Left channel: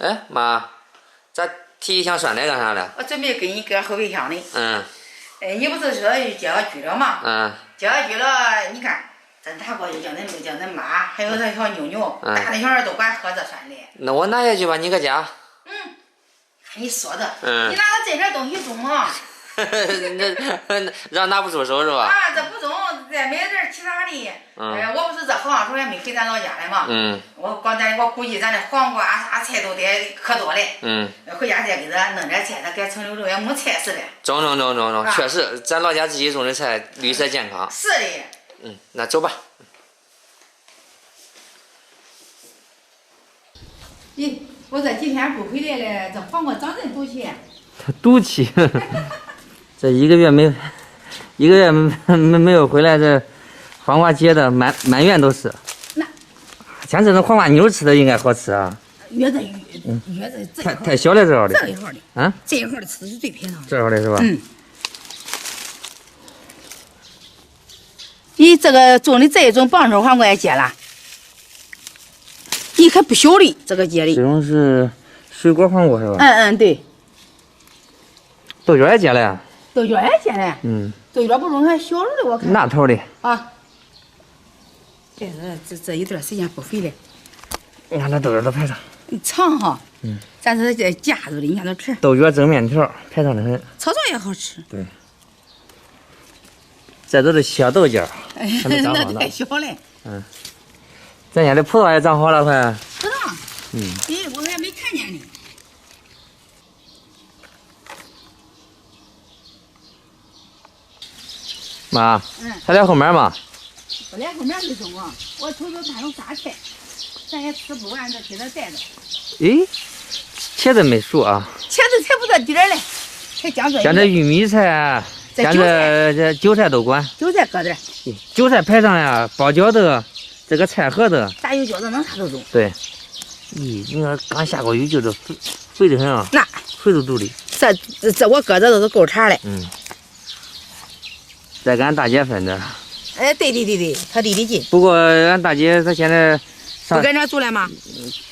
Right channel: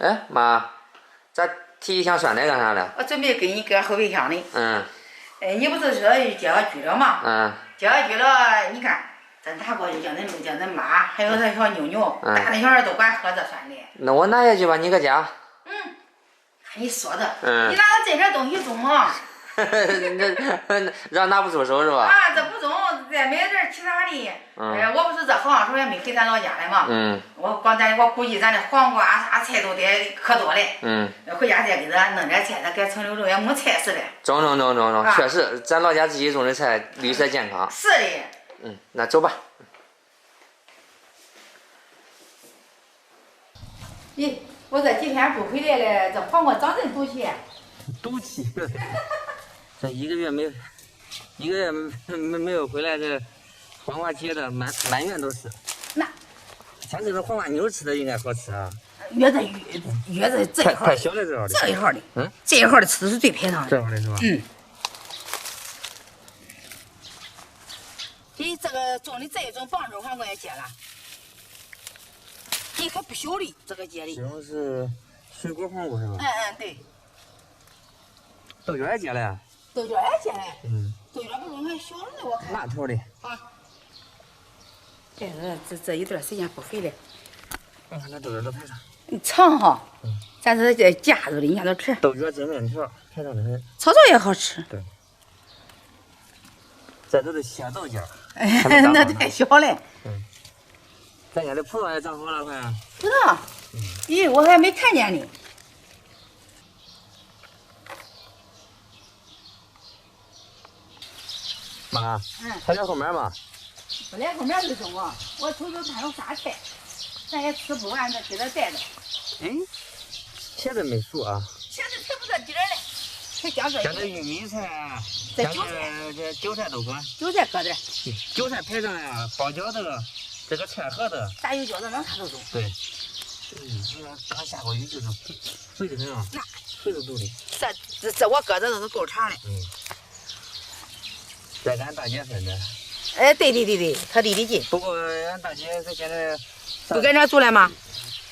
哎妈，咋提一箱酸菜干啥了？我准备给你搁后备箱里。你不是说接小菊了吗？接小菊了，你看，咱拿过去叫恁妈，还有咱小妞妞，大人小孩都管喝这酸的。那我拿下去吧，你搁家。看你说的，你拿着这点东西中吗？让拿不出手是吧？这不中，再没点其他的。我不是这好像说也没回咱老家来嘛。我估计咱的黄瓜啥菜都得可多嘞。回家再给咱弄点菜，咱搁城里头也没菜似的。中，确实，咱老家自己种的菜绿色健康。是的。那走吧。咦，我这几天不回来了，这黄瓜长真毒气。毒气。这一个月没有回来，这黄瓜结的满院都是。那像这种黄瓜妞吃的应该好吃啊。越这这一号。太小了这号的。这一号的。这一号的吃的是最配上的。这号的是吧？咦，这个种的这一种棒头黄瓜也结了。你可不小的这个结的。这种是水果黄瓜是吧？对。豆角也结了呀。豆角也结了。豆角不中还小的我看。那头的。这一段时间不肥了。你看那豆角都排上。长哈。咱这夹着的，你看这皮。豆角蒸面条，排上的很。炒也好吃。对。这都是小豆角。那太小了。咱家的葡萄也长好了，快。葡萄。咦，我还没看见呢。妈，还在后面吗？不在后面就中啊！我瞅瞅看有啥菜，咱也吃不完，再给他带着。咦，茄子没熟啊？茄子才不到底儿嘞，才将这玉米菜，将这韭菜都管。韭菜搁点。韭菜排上呀，包饺子，这个菜盒子。炸油饺子能啥都中。对。咦，你看刚下过雨，就是肥得很啊。那肥嘟嘟的。这我搁这都是够茬的。再给俺大姐分的。对，她离得近。不过俺大姐她现在不跟这住了吗？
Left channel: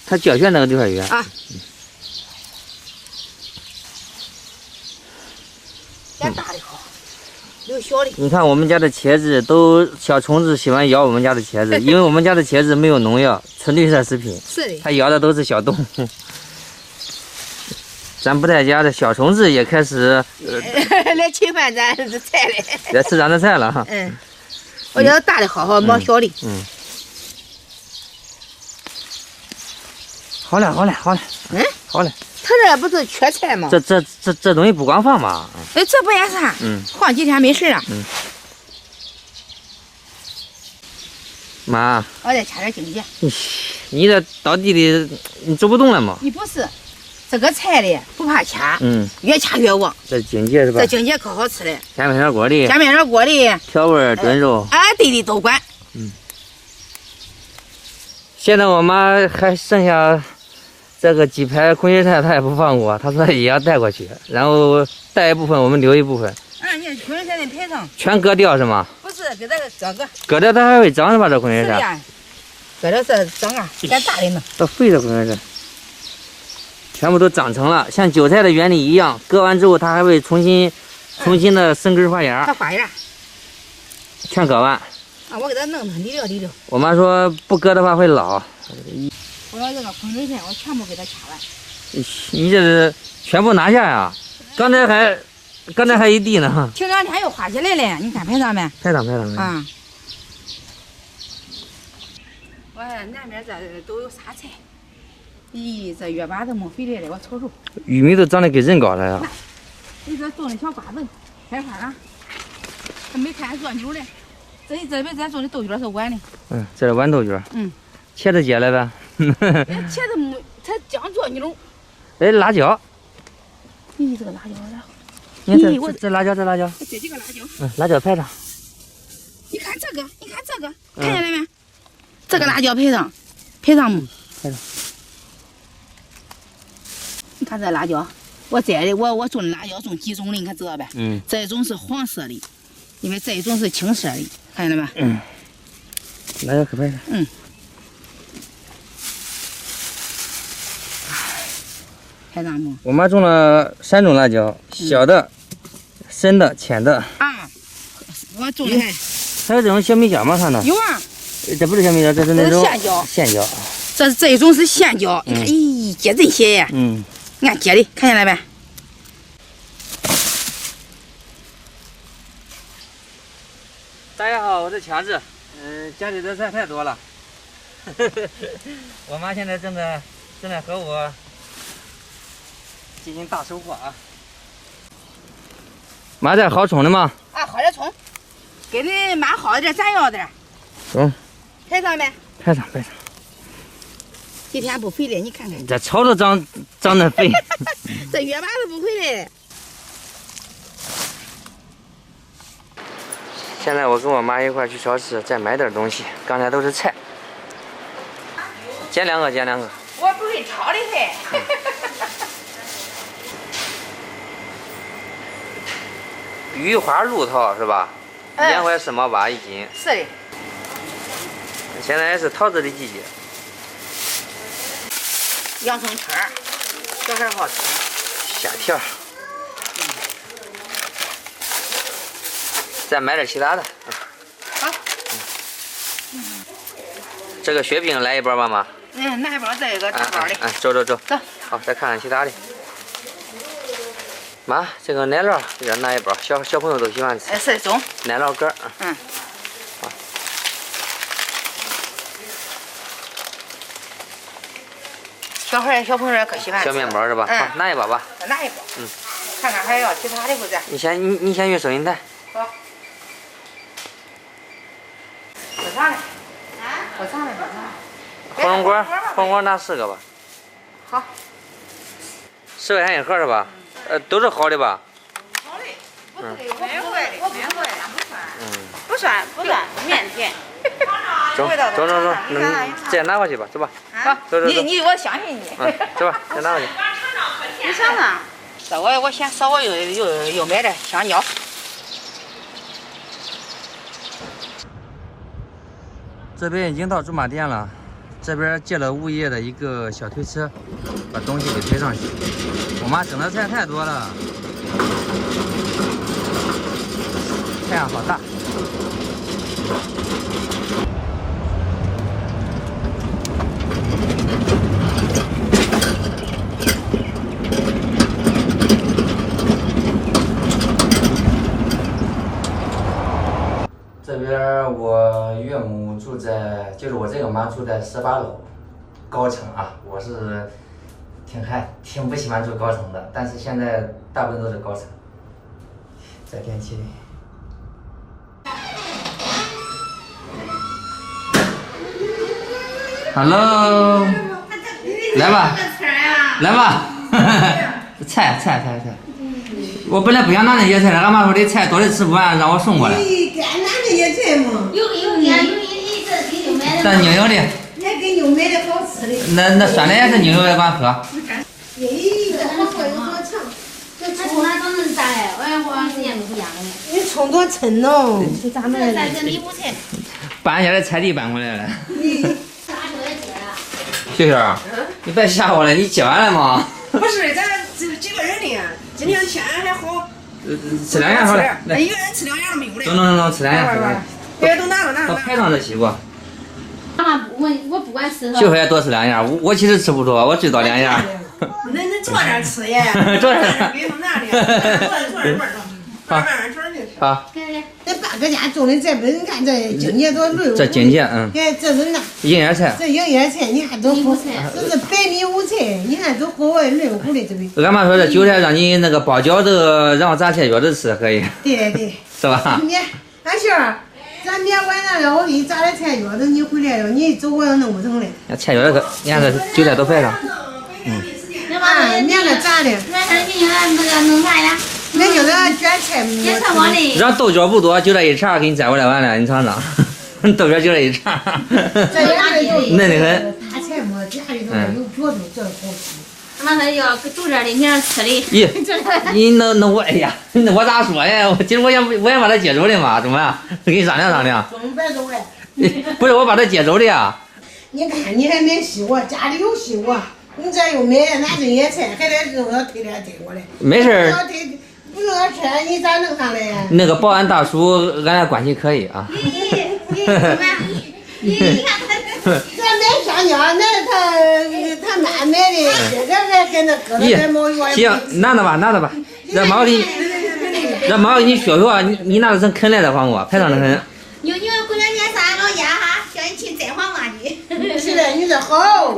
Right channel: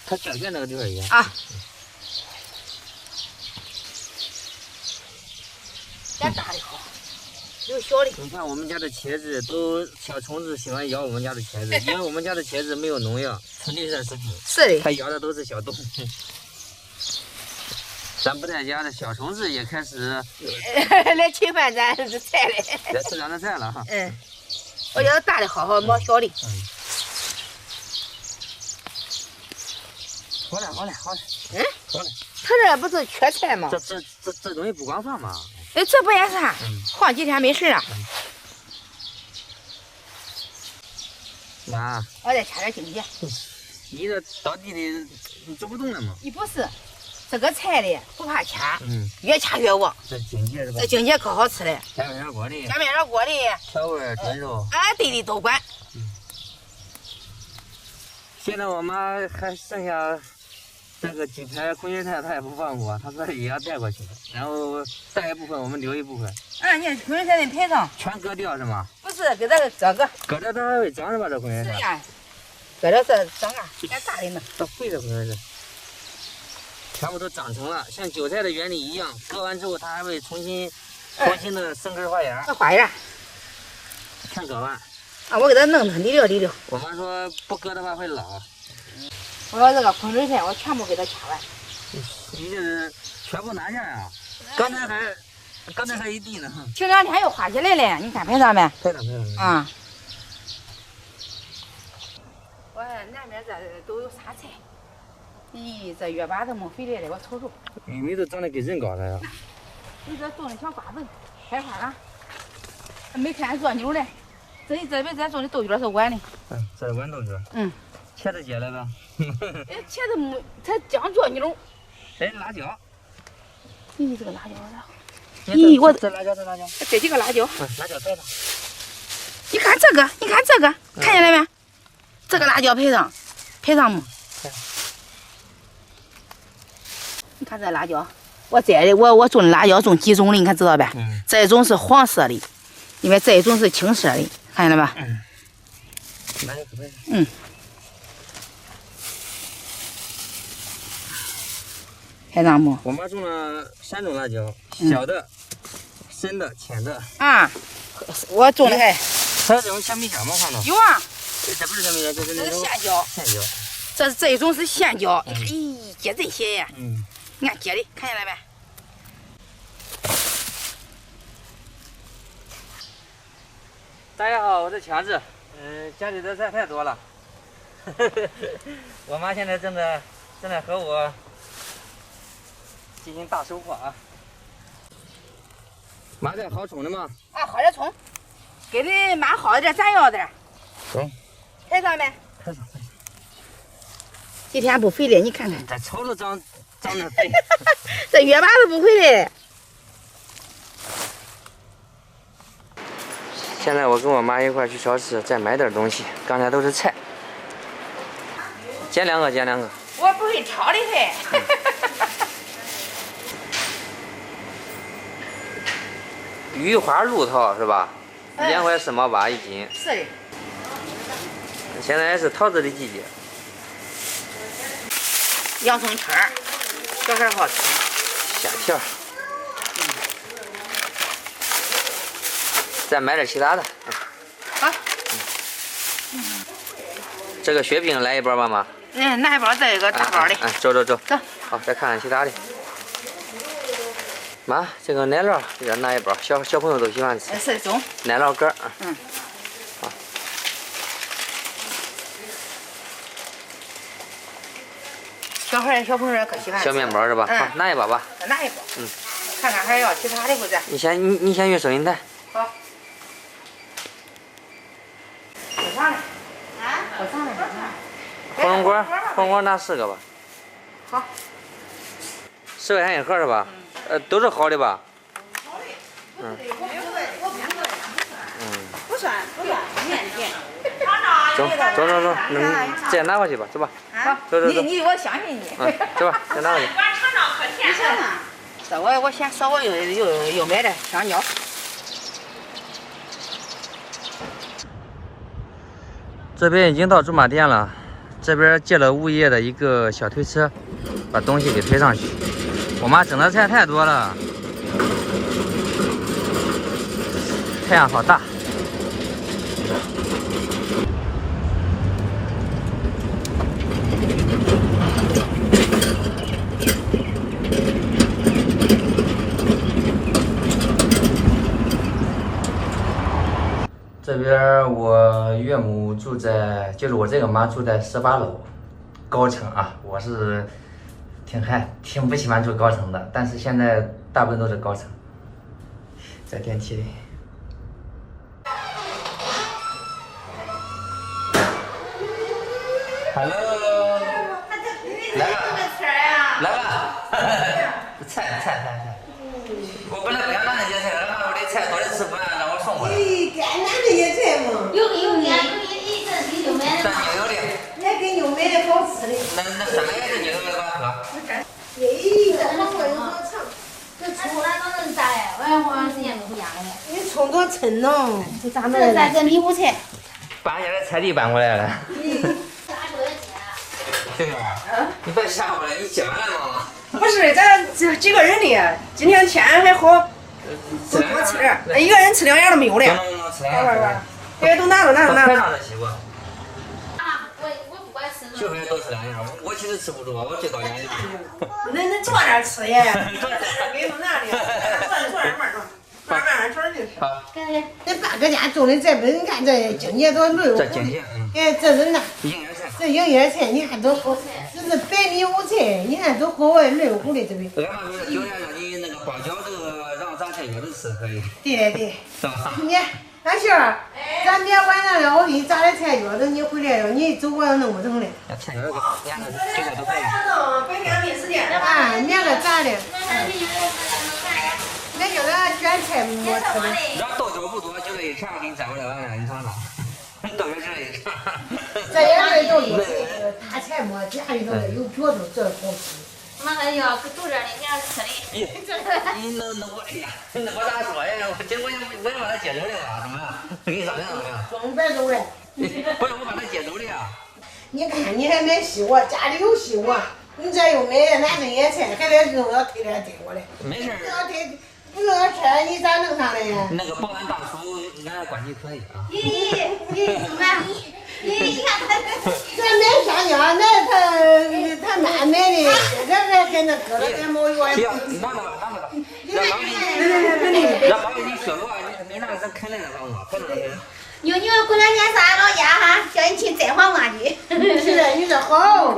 她教学那个地方远。咱大的好，有小的。你看我们家的茄子都小虫子喜欢咬我们家的茄子，因为我们家的茄子没有农药，纯绿色食品。是的。它咬的都是小动物。咱不在家的小虫子也开始来侵犯咱的菜了，来吃咱的菜了哈。我觉得大的好，没小的。好嘞。好嘞。他这不是缺菜吗？这东西不光放嘛。这不也是？放几天没事了。妈。我再掐点荆棘。你这到地里你走不动了吗？你不是。这个菜的不怕掐，越掐越旺。这荆棘是吧？这荆棘可好吃了。加面条锅里。调味炖肉。对都管。现在我妈还剩下这个几排空心菜，她也不放过，她说也要带过去，然后带一部分，我们留一部分。你看空心菜那排上。全割掉是吗？不是，给这个。割掉它还会长是吧？这空心菜。是的，割掉这长啊，干大的呢。这肥的空心菜。全部都长成了，像韭菜的原理一样，割完之后它还会重新的生根发芽。它发芽。全割完。我给它弄得离了。我妈说不割的话会老。我说这个空心菜我全部给它掐完。你这是全部拿下呀？刚才还一地呢。停2天又花起来了，你看排上没？排上。我看南边这都有啥菜？咦，这月把都没肥来了，我瞅瞅。玉米都长得跟人高了呀。你这种的小瓜子开花了，还没看做妞嘞。这边咱种的豆角是豌的。这是豌豆角。茄子结了呗。茄子没，才刚做妞。辣椒。咦，这个辣椒咋？咦，这辣椒。这几个辣椒。辣椒排上。你看这个，看见了没？这个辣椒排上没？排上。你看这辣椒，我种的辣椒种几种的，你看知道呗？这一种是黄色的，因为这一种是青色的，看见了吧？辣椒可排上。海棠木。我妈种了3种辣椒，小的、深的、浅的。啊，我种的还有这种小米椒吗？看到？有啊。这不是小米椒，这是那种线椒。线椒。这一种是线椒，你看，咦，结真些呀。你看结的，看见了没？大家好，我是强子。家里的菜太多了，我妈现在正在和我进行大收获啊。妈，这好冲的吗？啊，好点冲，给你妈好点，咱要点。中。拍上没？拍上。几天不回来，你看看。这草都长得肥。这月妈都不回来。现在我跟我妈一块去超市再买点东西，刚才都是菜。捡两个。我不会挑的很。鱼花鹿桃是吧？2块4毛8一斤。是的。现在是桃子的季节。洋葱圈儿，小孩好吃。虾条。再买点其他的。好。这个雪饼来一包吧，妈。拿一包，再一个大包的。走。走。好，再看看其他的。妈，这个奶酪也拿一包，小朋友都喜欢吃。是中。奶酪干。好。小朋友可喜欢吃。小面包是吧？好，拿一包吧。拿一包。看看还要其他的不是？你先用收银台。好。喝啥嘞？喝啥嘞？火龙果拿10个吧。好。10块钱一盒是吧？都是好的吧？好的。不算，面甜。走，再拿回去吧，走吧。好，走。我相信你。走吧，再拿回去。你尝尝。这我先稍微又买点香蕉。这边已经到驻马店了，这边借了物业的一个小推车，把东西给推上去。我妈整的菜太多了，太阳好大。这边我岳母住在，就是我这个妈住在18楼，高层啊。我是挺不喜欢住高层的，但是现在大部分都是高层。在电梯里。Hello， 来吧，菜。我本来不想拿那些菜的，俺妈说这菜多的吃不完，让我送过来。该拿那些菜嘛。有一这给牛买的。咱牛油的。也给牛买的好吃的。那酸的也是牛油的，管喝。这黄瓜有多长？这葱哪长成咋嘞？我要黄时间不一样的。你葱多称喽？这咋弄？这咱这米糊菜。搬下来菜地搬过来了。秀秀，你别吓我了，你接完了吗？不是，咱这几个人的，今天天还好，吃2样好了。一个人吃2样都没有了。能，吃2样。别都拿。快上这西瓜。我不管吃。秀秀也多吃2样，我其实吃不多，我最多2样。恁坐点吃呀？坐点。别弄那里，坐点慢点。好。这八哥家种的这不，你看这荆芥多绿。这荆芥，哎，这是那营养菜。这营养菜，你看都好，这是白米糊菜，你看都好绿乎的这边。俺妈说这韭菜让你那个包饺子，然后榨菜饺子吃可以。对。是吧？俺媳妇儿，咱明天晚上了，我给你炸点菜饺子，你回来了，你一走我要弄不成嘞。菜饺子可，你看这韭菜都白了。明个炸的。那咱给你那个弄啥呀？那就是卷菜馍。卷菜馍的。让豆角不多，就这一茬给你摘过来完了，你尝尝。豆角就这一茬。这也有嫩的很。大菜馍家里头有脚头，这好吃。俺妈说要住这儿的，你让吃的。咦，你那我哎呀，我咋说呀？今儿我想把他接走的嘛，怎么样？跟你商量商量。中别走嘞。不是我把他接走的呀。你看你还买西瓜，家里有西瓜，你这又买拿这野菜，还得肉要推点推过来。没事儿。不热车，你咋弄上来呀？那个保安大叔，俺俩关系可以啊。你看他这买香蕉，那他妈买的，这个跟那搁了点毛药。行，拿着吧，拿着吧，让妈给你学学，你拿着成啃来的黄瓜，排场的很。妞妞过两天上俺老家哈，叫你去摘黄瓜去。是的，你这好。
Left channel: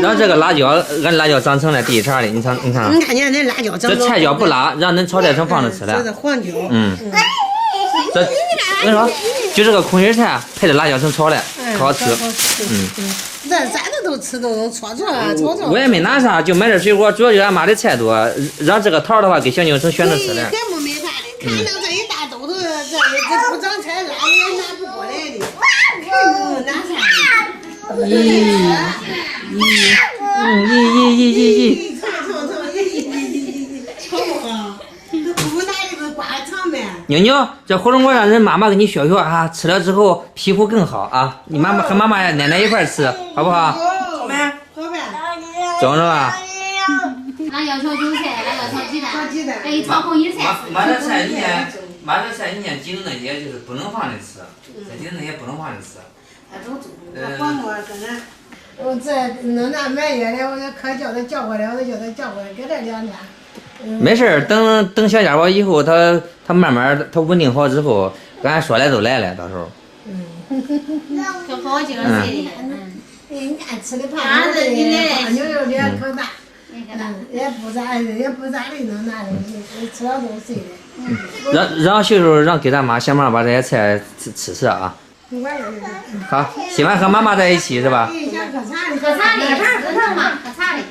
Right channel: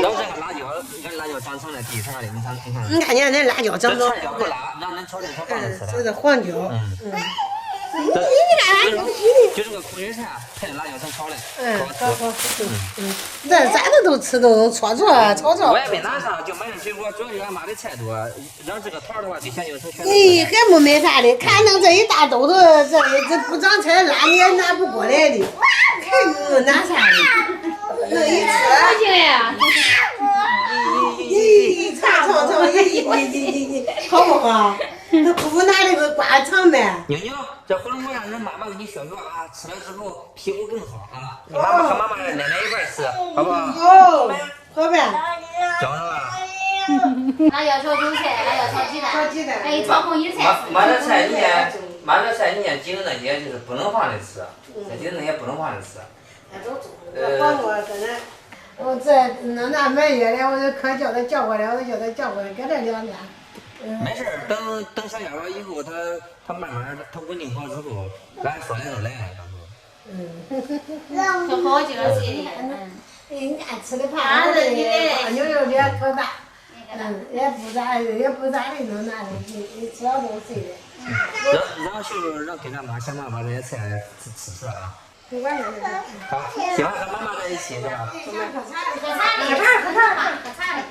让这个辣椒，俺辣椒长成了第一茬的，你看。你看见那辣椒长。这菜椒不辣，让恁炒菜成放着吃的。这是黄椒。这我跟你说，就这个空心菜配着辣椒成炒的，可好吃。这咱这都吃都炒。我也没拿啥，就买点水果，主要就俺妈的菜多，让这个桃的话给小妞成选择吃的。还没买啥的，看弄这一大兜子，这不长菜拉你也拿不过来的，看你拿啥的？好不好？那姑姑拿那个瓜尝呗。妞妞，这火龙果让人妈妈给你学学啊，吃了之后皮肤更好啊。你妈妈和妈妈奶奶一块吃，好不好？好呗。中了吧？辣椒炒韭菜，辣椒炒鸡蛋，哎，炒红油菜。妈这菜里面挤的那些就是不能放的吃，这挤的那些不能放的吃。黄瓜搁那，我这弄那满月的，我就可叫他叫过来，给他2天。没事儿，等小家伙以后，他慢慢他稳定好之后，俺说来都来了，到时候。就好几个岁的。你看吃的胖的，胖妞有点可大，也不咋的能拿东西，吃了都碎的。让秀秀让给咱妈想办法把这些菜吃啊。好，喜欢和妈妈在一起是吧？喝茶的嘛，喝茶的。